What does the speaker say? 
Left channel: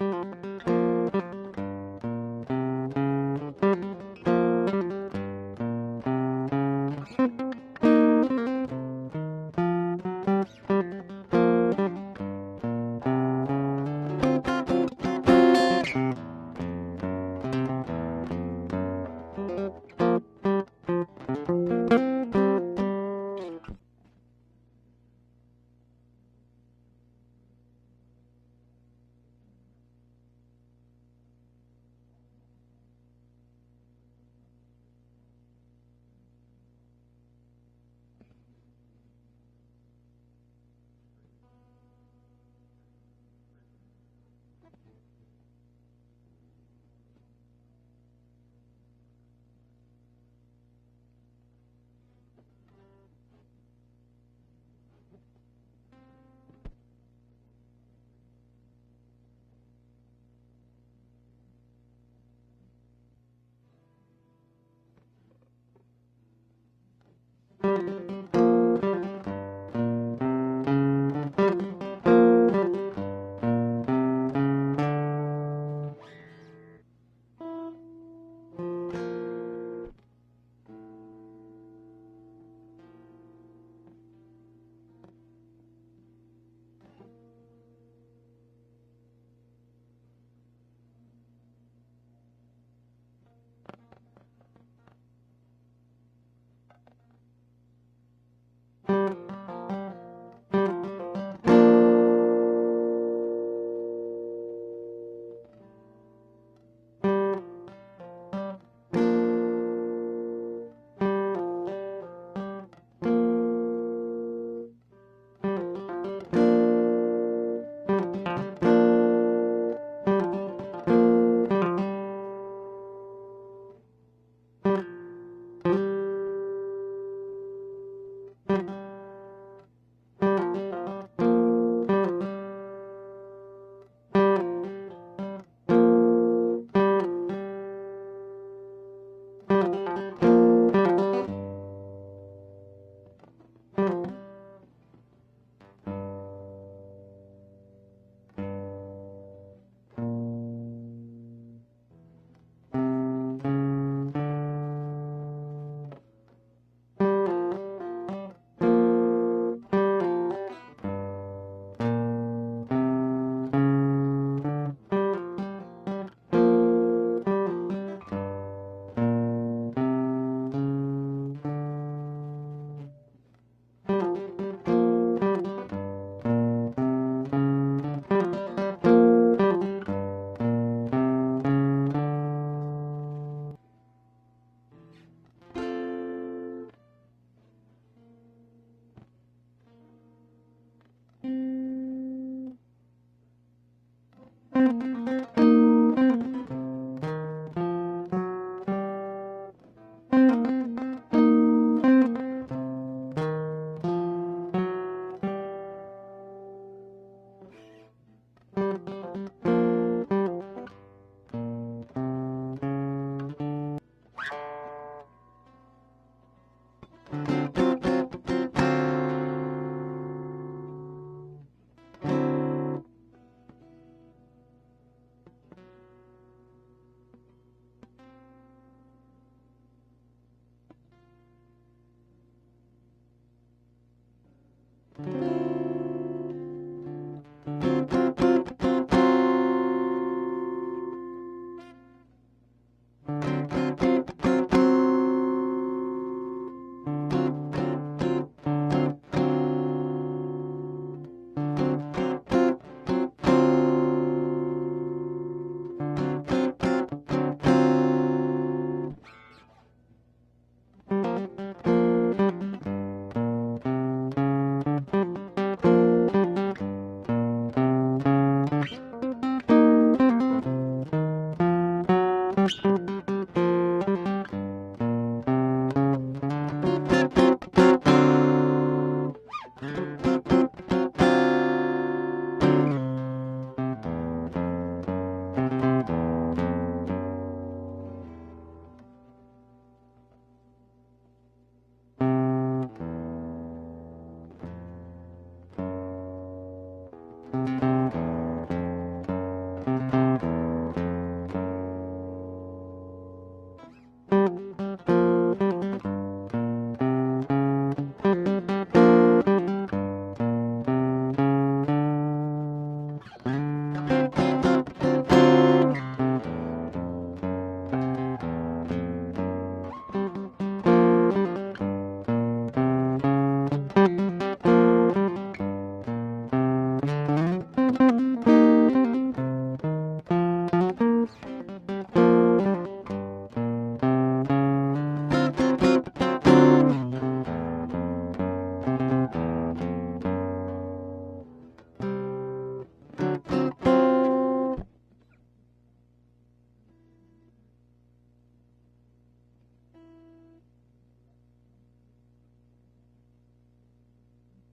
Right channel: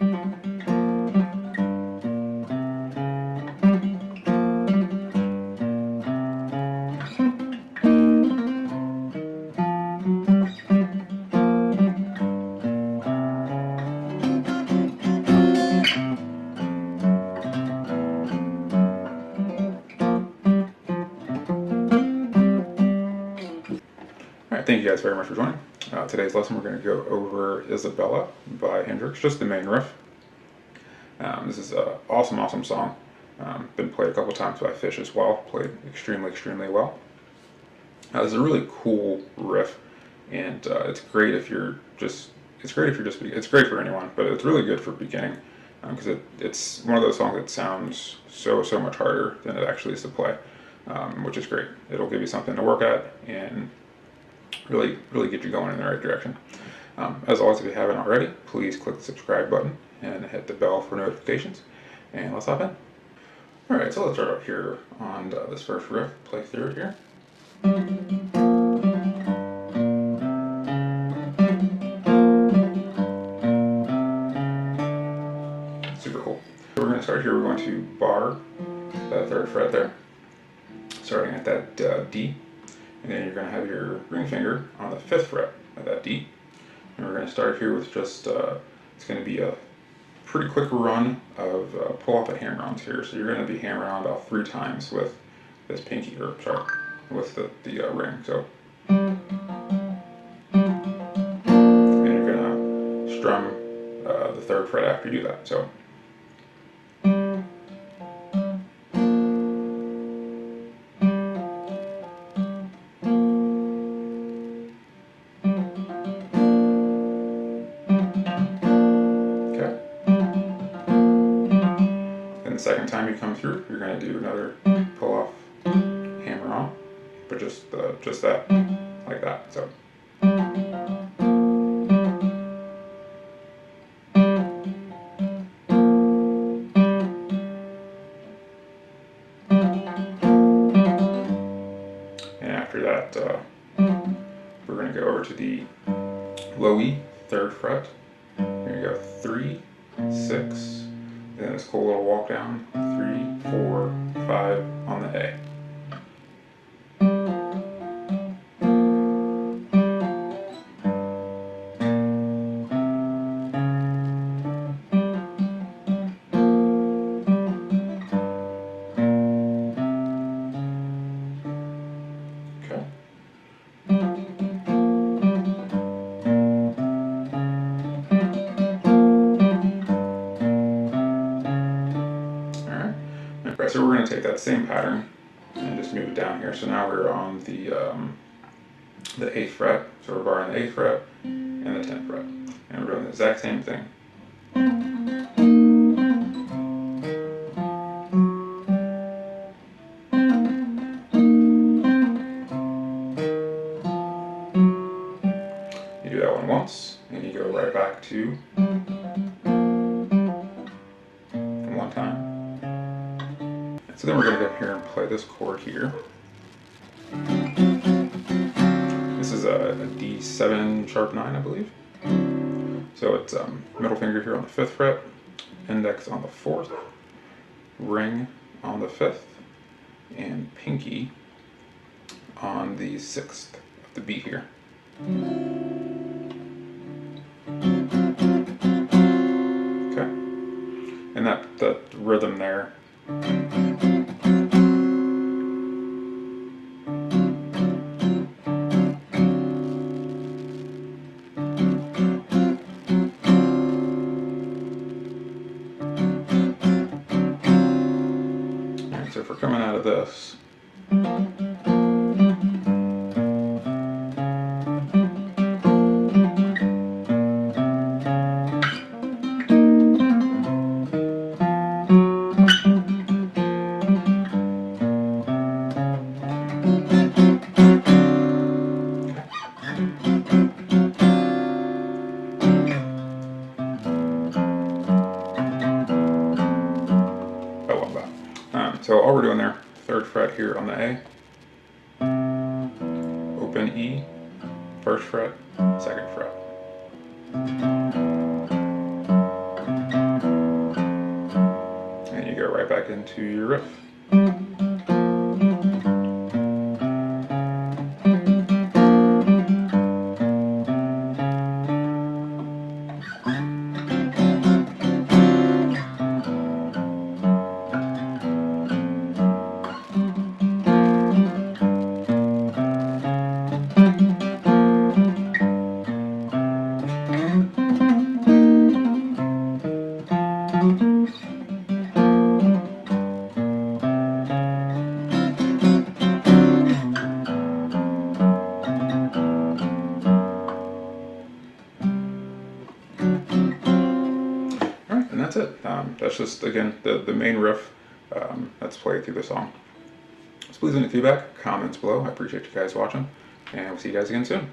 Alright, thank you guys very much for joining. Today's lesson we're going to go over Izabella by Hendrix, just the main riff. This is an awesome, awesome song. Been played a couple times by Phish as well, played extremely, extremely well. It's a really cool riff, and it's great if you're just, it's great for anyone, but it's really good for beginning, because it's one of those songs that sounds so much harder than it actually is to play, which is great. It'll give you something to work at, and really get you going in the right direction. As always, if you haven't already, please click the subscribe button and hit the bell for notifications, and let's hop in. Alright, so let's start out here on this first riff, play through it here. Super cool. So we're going to start here, we're going to bar that 3rd fret there, starting at that D. And then you're going to have your ring finger on the 5th fret of that D. And we're going to start here with just, it's going to be a pretty quick run of pull-off and hammer-ons here. So you're going to be hammering on about 3 times with this pinky, or sorry, with the ring. So, and you're going to strum the 3rd fret after you do that. So. The second time you come through, you're going to do another pull off, hammer on, but just that, like that. So. And after that, we're going to go over to the low E, 3rd fret. Here you go, 3, 6. Then this cool little walk down, 3, 4, 5 on the A. Okay. So we're going to take that same pattern and just move it down here. So now we're on the 8th fret. So we're barring the 8th fret and the 10th fret. And we're doing the exact same thing. You do that one once, and you go right back to one time. So then we're going to go here and play this chord here. This is a D7 sharp 9, I believe. So it's middle finger here on the 5th fret, index on the 4th, ring on the 5th, and pinky on the 6th of the B here. Okay. And that rhythm there. So if we're coming out of this, so all we're doing there, 3rd fret here on the A, open E, 1st fret, 2nd fret. into your riff. And that's it. That's just, again, the main riff that's played through the song. So please leave any feedback, comments below. I appreciate you guys watching, and we'll see you guys again soon.